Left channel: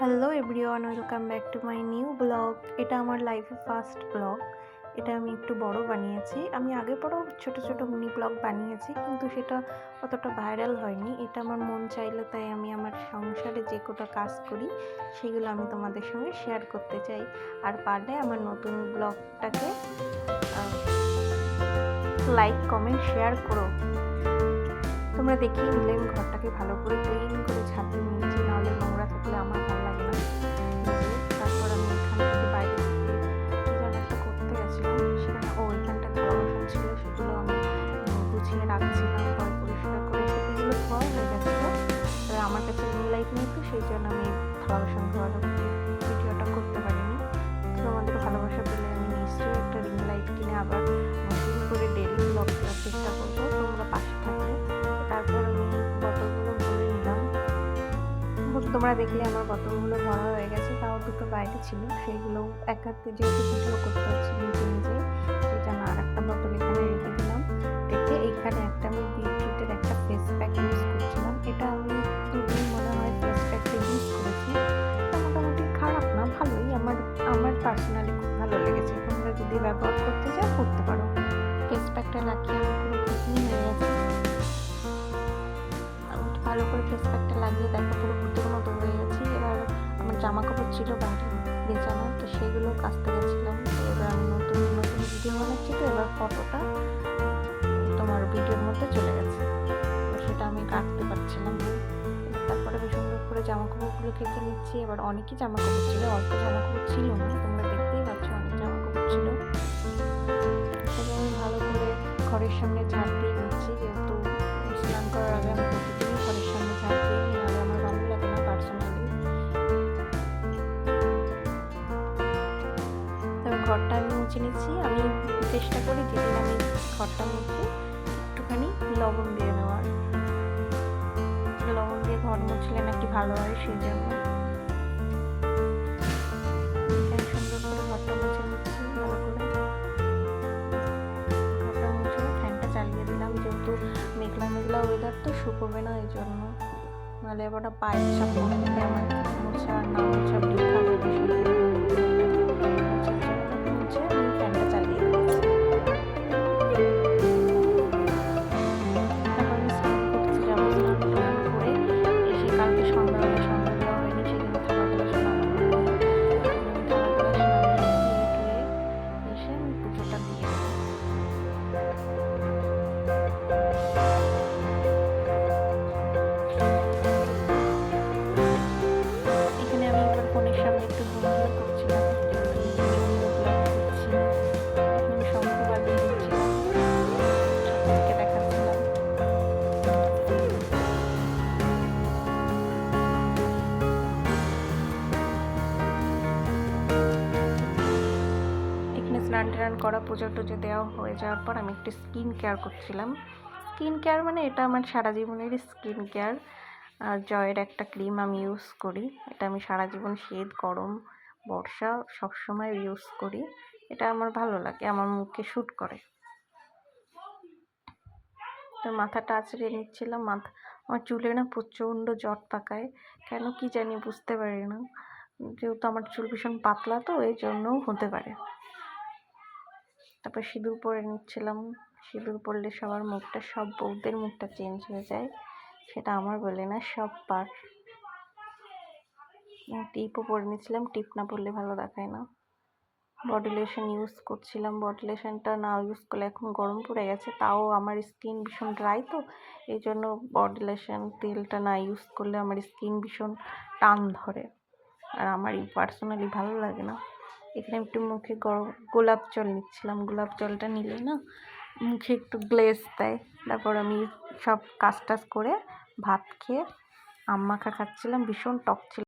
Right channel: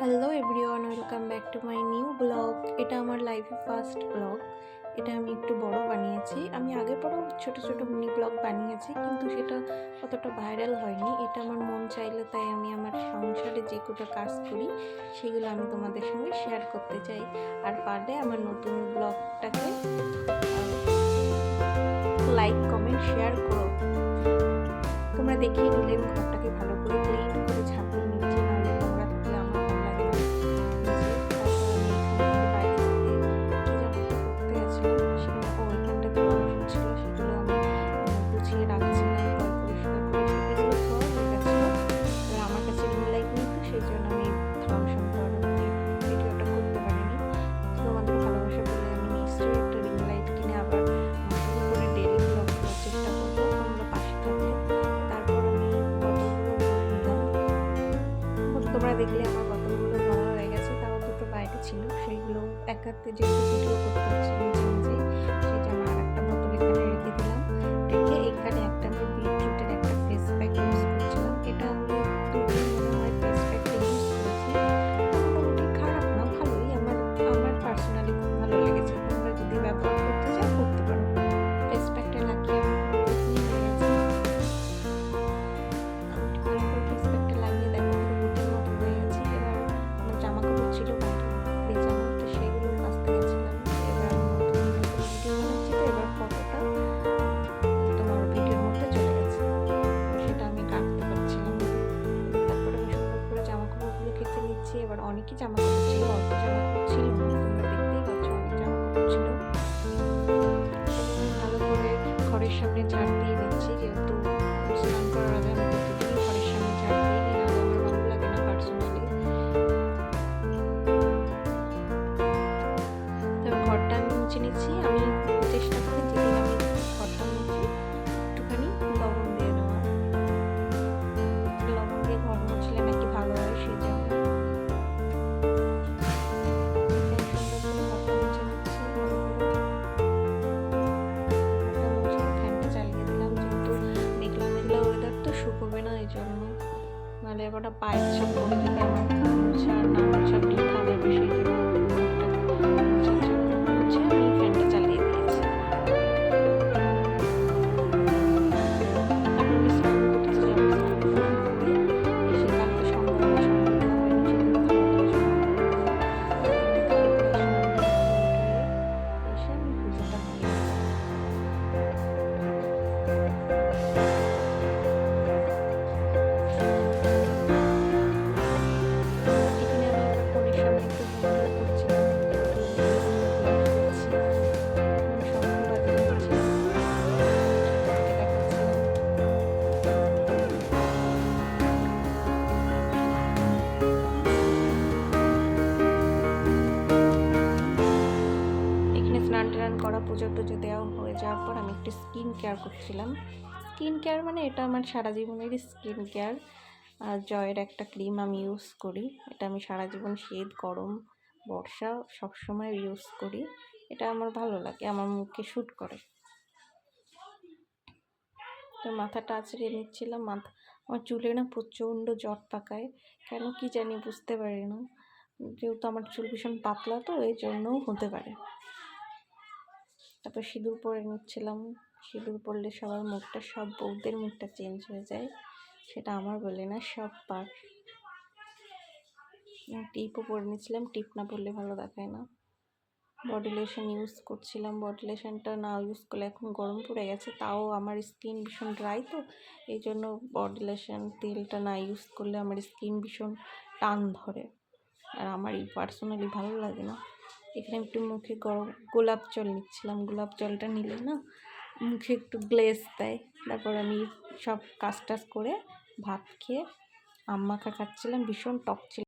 Hello everyone, welcome back to my new blog. এটা আমার লাইফে ফার্স্ট ব্লগ। এটা আমি একটু বড় বানিয়েছি। আমি আগে পরেও ছোট ছোট মিনি ব্লগ বানিয়েছি, কিন্তু সেটা অতটা ভাইরাল হয়নি। এটা আমার মন চাইলো, তাই আমি আমার সংসারে যে কটা কাজ করি সেগুলো আমি তোমাদের সঙ্গে শেয়ার করতে চাই। আর পারলে আমার নতুন ব্লগটাকে লাইক, কমেন্ট, শেয়ার করো। তোমরা দেখিয়ে নিলে আমি ঘরটাকে ভালো করে ক্লিন করে ঝাঁপিয়ে নিয়েছি, নাহলে নোংরা থাকলে আমার ভালো লাগে না। তারপর আমি এখান থেকে বাইরে থেকে কী যেন একটা করতে গেছিলাম, সেখানে এখানটা থালা বাসন ছিল, সেগুলো আমি গুছিয়ে রাখছিলাম ঘর পরিষ্কার করে। সেগুলো ধোয়া হয়ে গেছিলো। এবার আমার কাছে রিং লাইট নেই, তো সেই জন্য আমি থালা বাসন ধোয়ার ভিডিওটা করতে পারিনি। তো তোমাদের ভালোবাসা পেলে আমি নিশ্চয়ই একটা রিং লাইট কিনে আবার নতুন করে ডেলি ব্লগ দেওয়ার চেষ্টা করবো, তোমরা পাশে থাকলে। তারপর আমি বোতলগুলো ভরে নিলাম। তোমরা দেখলে আমার বোতলগুলো ভরা হয়ে গেছে, তাও দুটো বাইরে ছিল, সেইগুলো এক হাতে যেহেতু ভিডিও করতে হচ্ছে নিজে নিজেই, সেই জন্য আর একটা বোতল এখানে রেখে দিলাম। রেখে এইখানে একটা আমি বিটরুটের একটা ফেস প্যাক ইউজ করছিলাম। এটা আমি দুদিন মনে হয় ফেস প্যাকটা ইউজ করেছি। মোটামুটি খারাপ না, ভালোই। আমার পার্সোনালি খুব ভালো লেগেছে। তোমরা যদি ব্যবহার করতে চাও করতে পারো। ফেস প্যাকটা লাগিয়ে আমি পুরো ভুতনি হয়ে গেছে। আমি ভালো করে ফেস প্যাকটা লাগিয়ে দেখো পুরো ভূতের মতো হয়ে গেছি। এবার আমার জামা কাপড় ছিল বাইরে ভেজানো, তো সেগুলো কাচতে গেছিলাম। তো এবার আমি নতুন নতুন ভিডিও বানাচ্ছি, তো এবার ফটোটা তোমার ভিডিওর মধ্যে চলে গেছে, তো সেটা আমি কাটতে পারছিলাম না। তারপরে আমি সুন্দর করে জামা কাপড়গুলো কেচে নিচ্ছি। এবার অনেকই জামা কাপড় ছিল, অল্প জামা কাপড় ছিল না, তোমরা দেখতেই পাচ্ছ অনেক জামা কাপড় ছিল। তারপর আমি ভালো করে ঘরের সামনে ঝাড় দিয়ে নিচ্ছি, যেহেতু স্নান করার আগে আমি প্রতিদিনই ঘরের সামনে ঝাড় দিয়ে নিই, নাহলে আমার ভালো লাগে না পার্সোনালি। তারপর ঘরটা আমি মুছে নিচ্ছি। আমি চেষ্টা করি যেদিন আমি ঘরটা মুছি একটুখানি লবণ দিয়ে নেওয়ার। লবণ দিয়ে ঘর মুছলে নাকি ভালো হয়, সেই জন্য এখানে সুন্দর করে ঘরটা মুছে নিচ্ছি। ভালো করে ঘরটা মুছে ফ্যানটা চালিয়ে দিলাম, যেহেতু মেঘলা মেঘলা ওয়েদার, তো শুকোবে না, এই জন্য। নাহলে এবার পায়ের ছাপ পড়ে যেতে আমার মোছা আর না মোছা বৃথা যাবে, সেই জন্য ঘরটা মোছার জন্য মুছে আমি ফ্যানটা চালিয়ে দিয়েছি। তারপর আমি স্নান করতে যাবো। স্নান করে এসে কালকে সন্ধ্যা দেওয়া হয়নি, সেজন্য থালাগুলো নামানো হয়নি। আমি থালাগুলো স্নান ধুয়ে এসে আমি পুজোটা দিয়ে দেবো। এখানে আমি এবার ফোনের সামনে একটু ভঙ্গিও করছিলাম, যেহেতু বিভিন্ন ব্লগ করছি। এখানে শঙ্খ বাজিয়ে নিচ্ছিলাম, ঠাকুরকে দেখাচ্ছিলাম। এখানে স্নান টান করা, পুজো টুজো দেওয়া হয়ে যাওয়ার পর আমি একটু স্কিন কেয়ার করছিলাম। স্কিন কেয়ার মানে এটা আমার সারা জীবনেরই স্কিন কেয়ার। জয়ের একটা ক্রিম আমি ইউজ করি। এটা আমি সারা জীবন, শীত, গরম, বর্ষা সবসময় ইউজ করি। এটা আমার ভালো লাগে, আমার মুখে শ্যুট করে। তো মাথাটা আঁচড়ে নিচ্ছিলাম। আমার চুলে না প্রচণ্ড জট পাকায়, কেন কি জানি বুঝতে পারি না। যেহেতু আমার চুল ভীষণ পাতলা, তো এই জন্যও হতে পারে। তারপর সিঁদুর পরে নিচ্ছিলাম। সিঁদুর পরলে সবার মুখটা, সব বউদের মুখটা চেঞ্জ হয়ে যায়, সেটা আমার বলে না, সব পার। টিপও পরে নিচ্ছিলাম, টিপ না পরলে ভালো দেখায় না। বডি লোশন ইউজ করছিলাম। বডি লোশনটা না ইউজ করলে, এখন গরম পড়ে গেছে, তাও আমার স্কিন ভীষণ ড্রাই, তো এই জন্য বডি লোশন তেলটা না ইউজ করলে আমার স্কিন ভীষণ টান ধরে, আর আমার পার্সোনালি ভালো লাগে না। এখানে একটু মুখে গোলাপ জল নিচ্ছিলাম। গোলাপ জলটা নিলে না মুখে একটু গ্লেজ দেয়। তারপর আমি সব কাজ টাজ করে ভাত খেয়ে আম মাখা খাচ্ছিলাম, ভীষণ টক ছিল।